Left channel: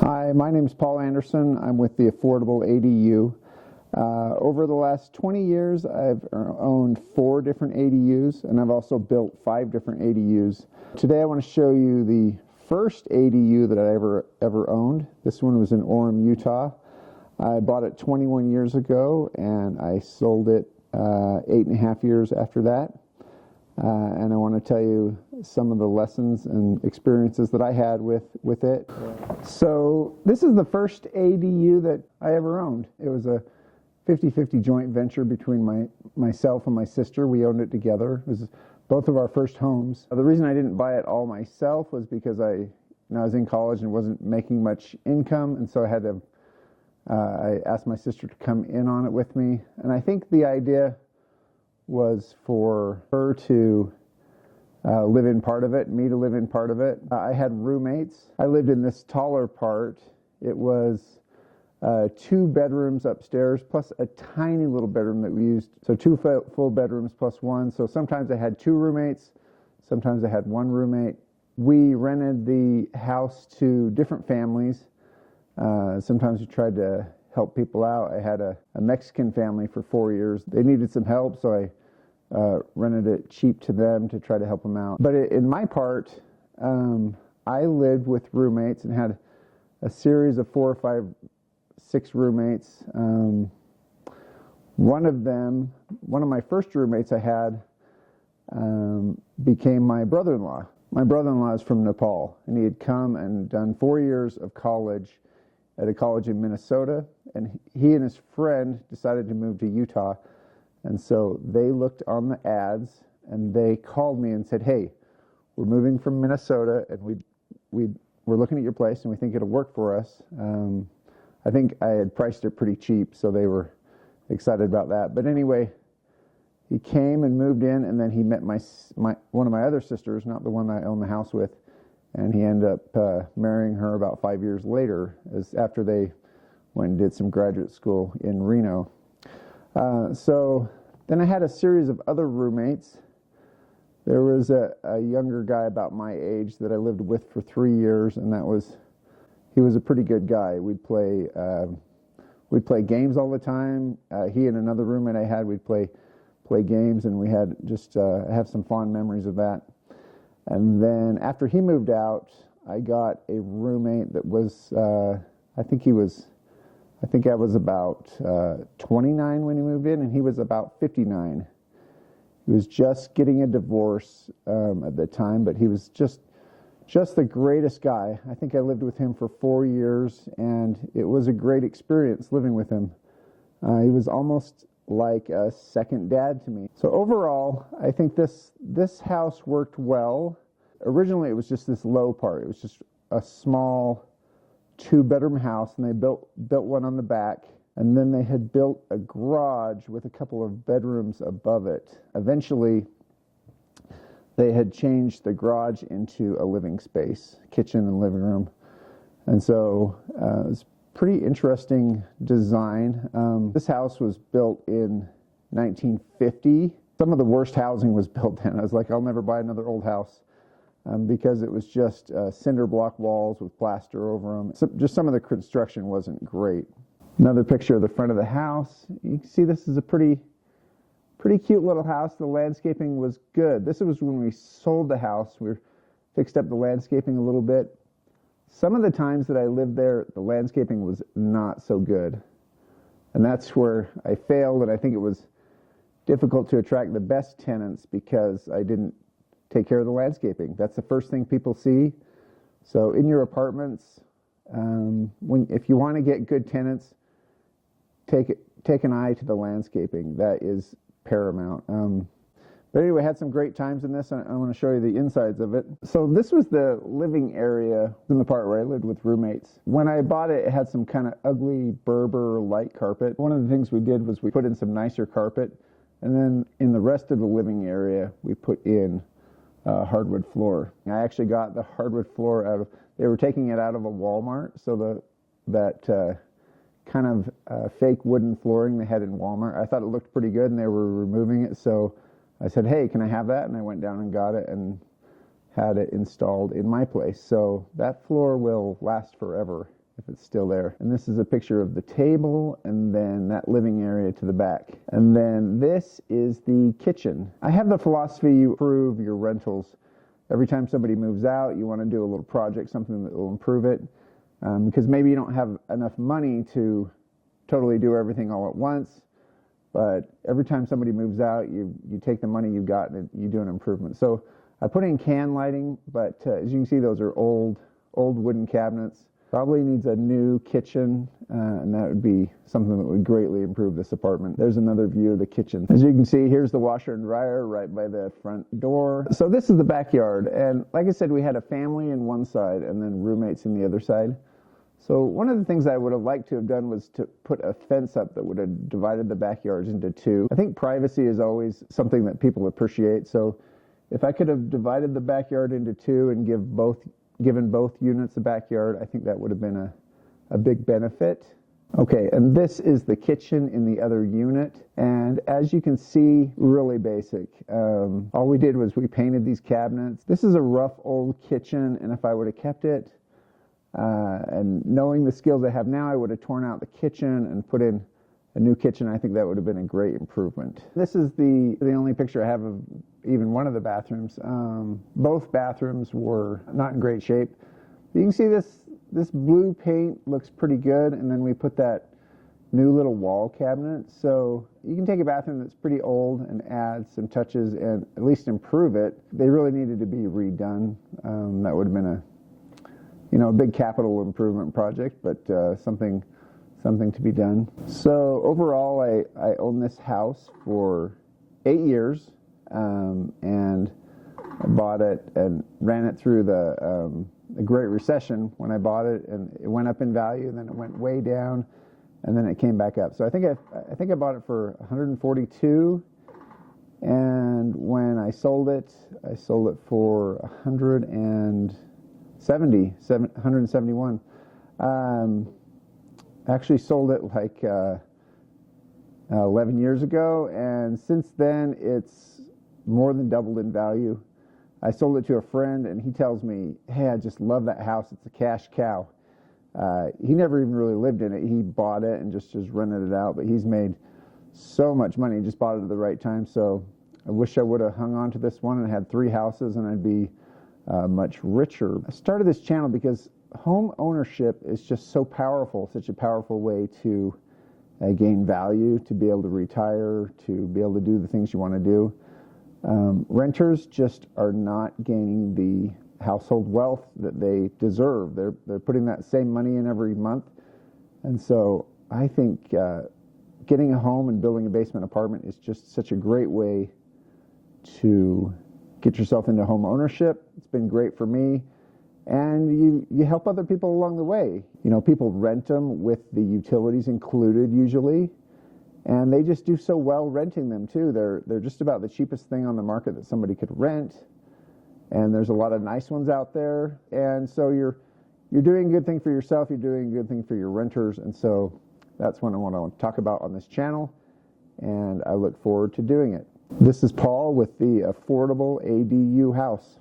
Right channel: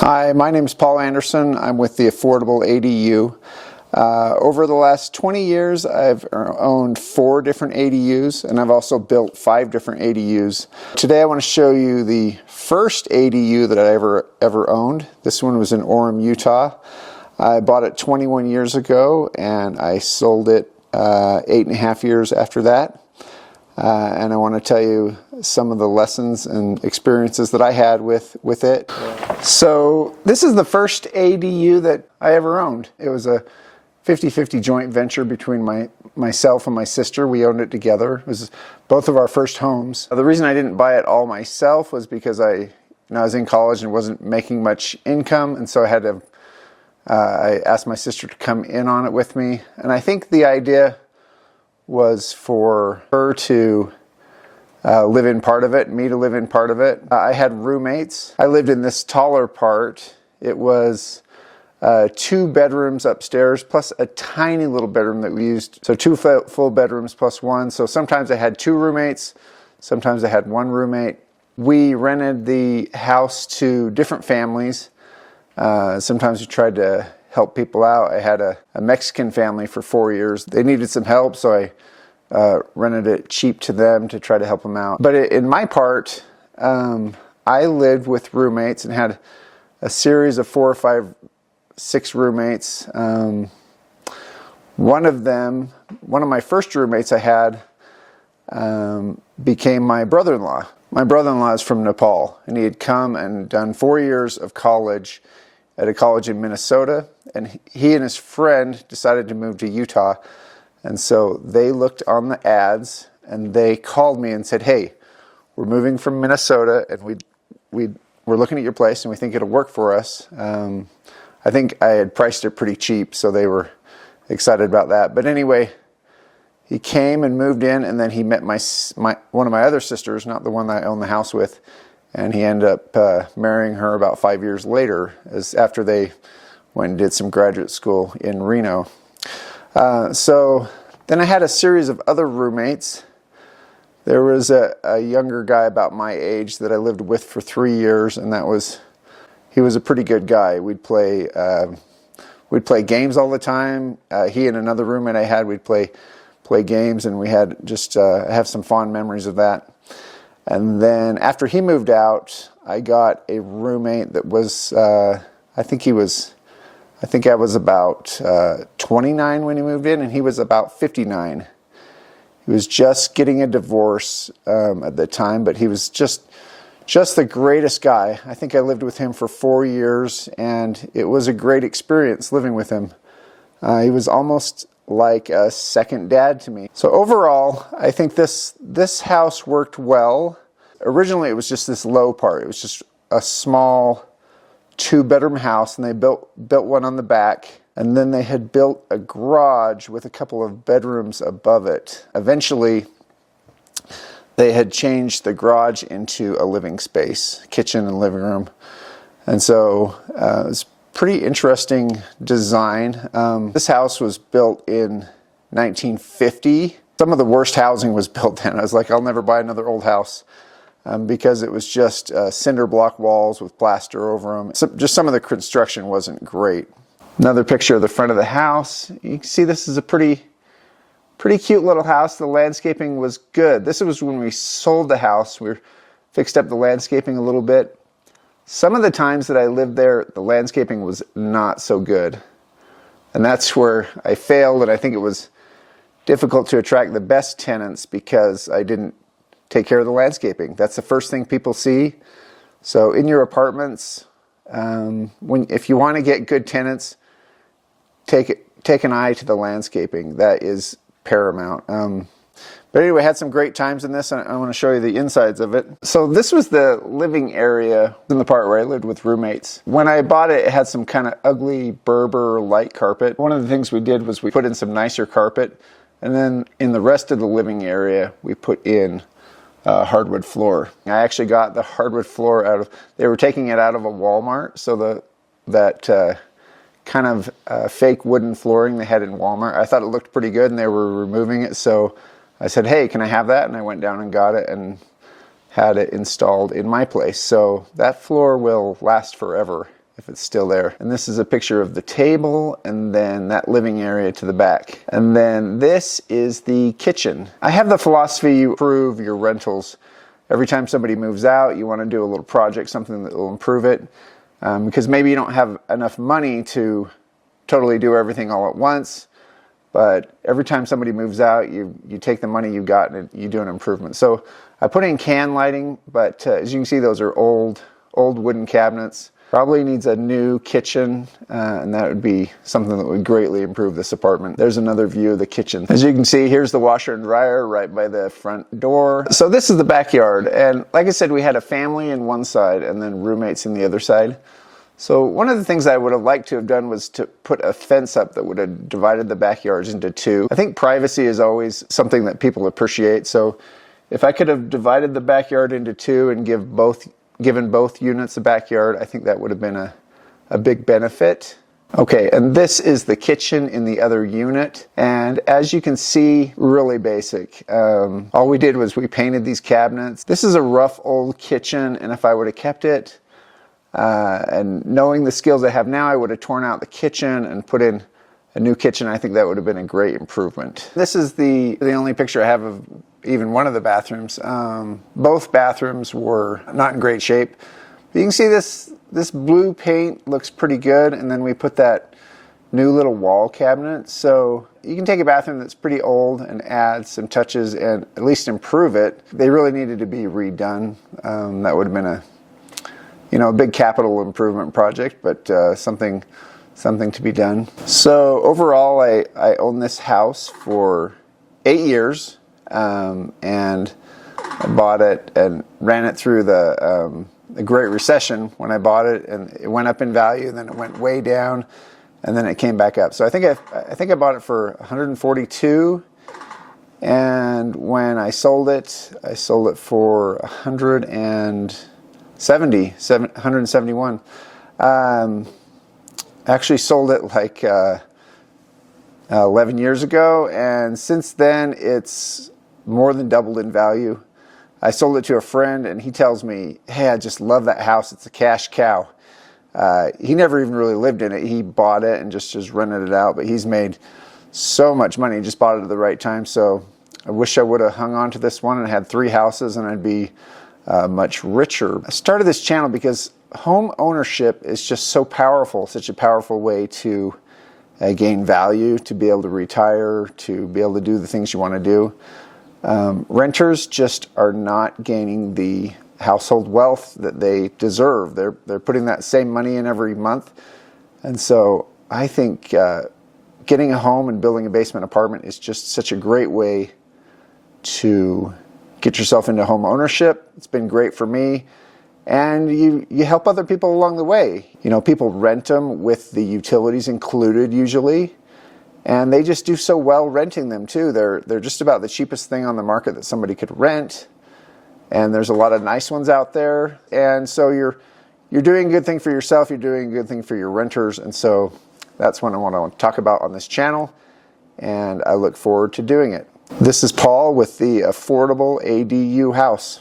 Hi, my name is Paul Anderson. I'm with the Affordable ADU. Over the last 20 years, I've owned 4 different ADUs, and I've also built 5 different ADUs. Today I want to show you the first ADU that I ever owned. This one was in Orem, Utah. I bought it 21 years ago, and I sold it 8.5 years after that. And I want to tell you some of the lessons and experiences that I had with it. So this is the first ADU that I ever owned. It was a 50-50 joint venture between myself and my sister. We owned it together. It was both of our first homes. The reason I didn't buy it all myself was because I was in college and wasn't making much income, and so I asked my sister to come in on it with me. And I think the idea was for her to live in part of it, me to live in part of it. I had roommates. I lived in this taller part. It was 2 bedrooms upstairs plus a tiny little bedroom that we used. So 2 full bedrooms plus 1. So sometimes I had 2 roommates, sometimes I had 1 roommate. We rented the house to different families. Sometimes we tried to help people out. I had a Mexican family for 4 years. They needed some help, so I rented it cheap to them to try to help them out. But in my part, I lived with roommates and had a series of 4 or 5, 6 roommates. One of my first roommates I had became my brother-in-law. My brother-in-law is from Nepal, and he had come and done 4 years of college at a college in Minnesota, and he and his friend decided to move to Utah. And so they looked on the ads and they called me and said, "Hey, we're moving from Minnesota and we're looking at your place and we think it'll work for us." I think I had priced it pretty cheap, so they were excited about that. But anyway, he came and moved in, and then he met one of my other sisters, not the one that I own the house with, and he ended up marrying her about 5 years later, after they went and did some graduate school in Reno. So then I had a series of other roommates. There was a younger guy about my age that I lived with for 3 years, and he was a pretty good guy. We'd play games all the time. He and another roommate I had, we'd play games, and we had I have some fond memories of that. And then after he moved out, I got a roommate that was, I think I was about 29 when he moved in, and he was about 59. He was just getting a divorce at the time, but he was just the greatest guy. I think I lived with him for 4 years, and it was a great experience living with him. He was almost like a second dad to me. So overall, I think this house worked well. Originally, it was just this low part. It was just a small 2-bedroom house, and they built one on the back, and then they had built a garage with a couple of bedrooms above it. Eventually, they had changed the garage into a living space, kitchen and living room. And so it was pretty interesting design. This house was built in 1950. Some of the worst housing was built then. I was like, I'll never buy another old house because it was just cinder block walls with plaster over them. So just some of the construction wasn't great. Another picture of the front of the house. You can see this is a pretty cute little house. The landscaping was good. This was when we sold the house. We fixed up the landscaping a little bit. Some of the times that I lived there, the landscaping was not so good. And that's where I failed, and I think it was difficult to attract the best tenants because I didn't take care of the landscaping. That's the first thing people see. So in your apartments, if you want to get good tenants, take an eye to the landscaping. That is paramount. But anyway, I had some great times in this, and I want to show you the insides of it. So this was the living area in the part where I lived with roommates. When I bought it, it had some kind of ugly Berber light carpet. One of the things we did was we put in some nicer carpet, and then in the rest of the living area, we put in hardwood floor. I actually got the hardwood floor they were taking it out of a Walmart, so that kind of fake wooden flooring they had in Walmart. I thought it looked pretty good, and they were removing it, so I said, "Hey, can I have that?" And I went down and got it and had it installed in my place. So that floor will last forever. if it's still there. And this is a picture of the table and then that living area to the back. And then this is the kitchen. I have the philosophy you improve your rentals. Every time somebody moves out, you want to do a little project, something that will improve it. Because maybe you don't have enough money to totally do everything all at once. But every time somebody moves out, you take the money you got and you do an improvement. So I put in can lighting, but as you can see, those are old wooden cabinets. Probably needs a new kitchen, and that would be something that would greatly improve this apartment. There's another view of the kitchen. As you can see, here's the washer and dryer right by the front door. So this is the backyard, and like I said, we had a family in one side and then roommates in the other side. So one of the things I would have liked to have done was to put a fence up that would have divided the backyards into two. I think privacy is always something that people appreciate. So if I could have divided the backyard into two and given both units a backyard, I think that would have been a big benefit. Okay, and this is the kitchen in the other unit. And as you can see, really basic. All we did was we painted these cabinets. This is a rough old kitchen, and if I would have kept it, and knowing the skills I have now, I would have torn out the kitchen and put in a new kitchen. I think that would have been a great improvement. This is the only picture I have of even one of the bathrooms. Both bathrooms were not in great shape. But you can see this blue paint looks pretty good, and then we put that new little wall cabinet. So you can take a bathroom that's pretty old and add some touches and at least improve it. They really needed to be redone. That would have been a big capital improvement project, but something to be done. So overall, I own this house for 8 years, and I bought it and ran it through the Great Recession when I bought it, and it went up in value, and then it went way down, and then it came back up. So I think I bought it for $142, and when I sold it for $171. Actually sold it like 11 years ago, and since then it's more than doubled in value. I sold it to a friend, and he tells me, hey, I just love that house. It's a cash cow. He never even really lived in it. He bought it and just rented it out, but he's made so much money. He just bought it at the right time. So I wish I would have hung on to this one and had 3 houses, and I'd be much richer. I started this channel because home ownership is just so powerful, such a powerful way to gain value, to be able to retire, to be able to do the things you want to do. Renters just are not gaining the household wealth that they deserve. They're putting that same money in every month. And so I think getting a home and building a basement apartment is just such a great way to get yourself into home ownership. It's been great for me. And you help other people along the way. People rent them with the utilities included usually. And they just do so well renting them too. They're just about the cheapest thing on the market that somebody could rent. And there's a lot of nice ones out there. And so you're doing a good thing for yourself. You're doing a good thing for your renters. And so that's what I want to talk about on this channel. And I look forward to doing it. This is Paul with the Affordable ADU House.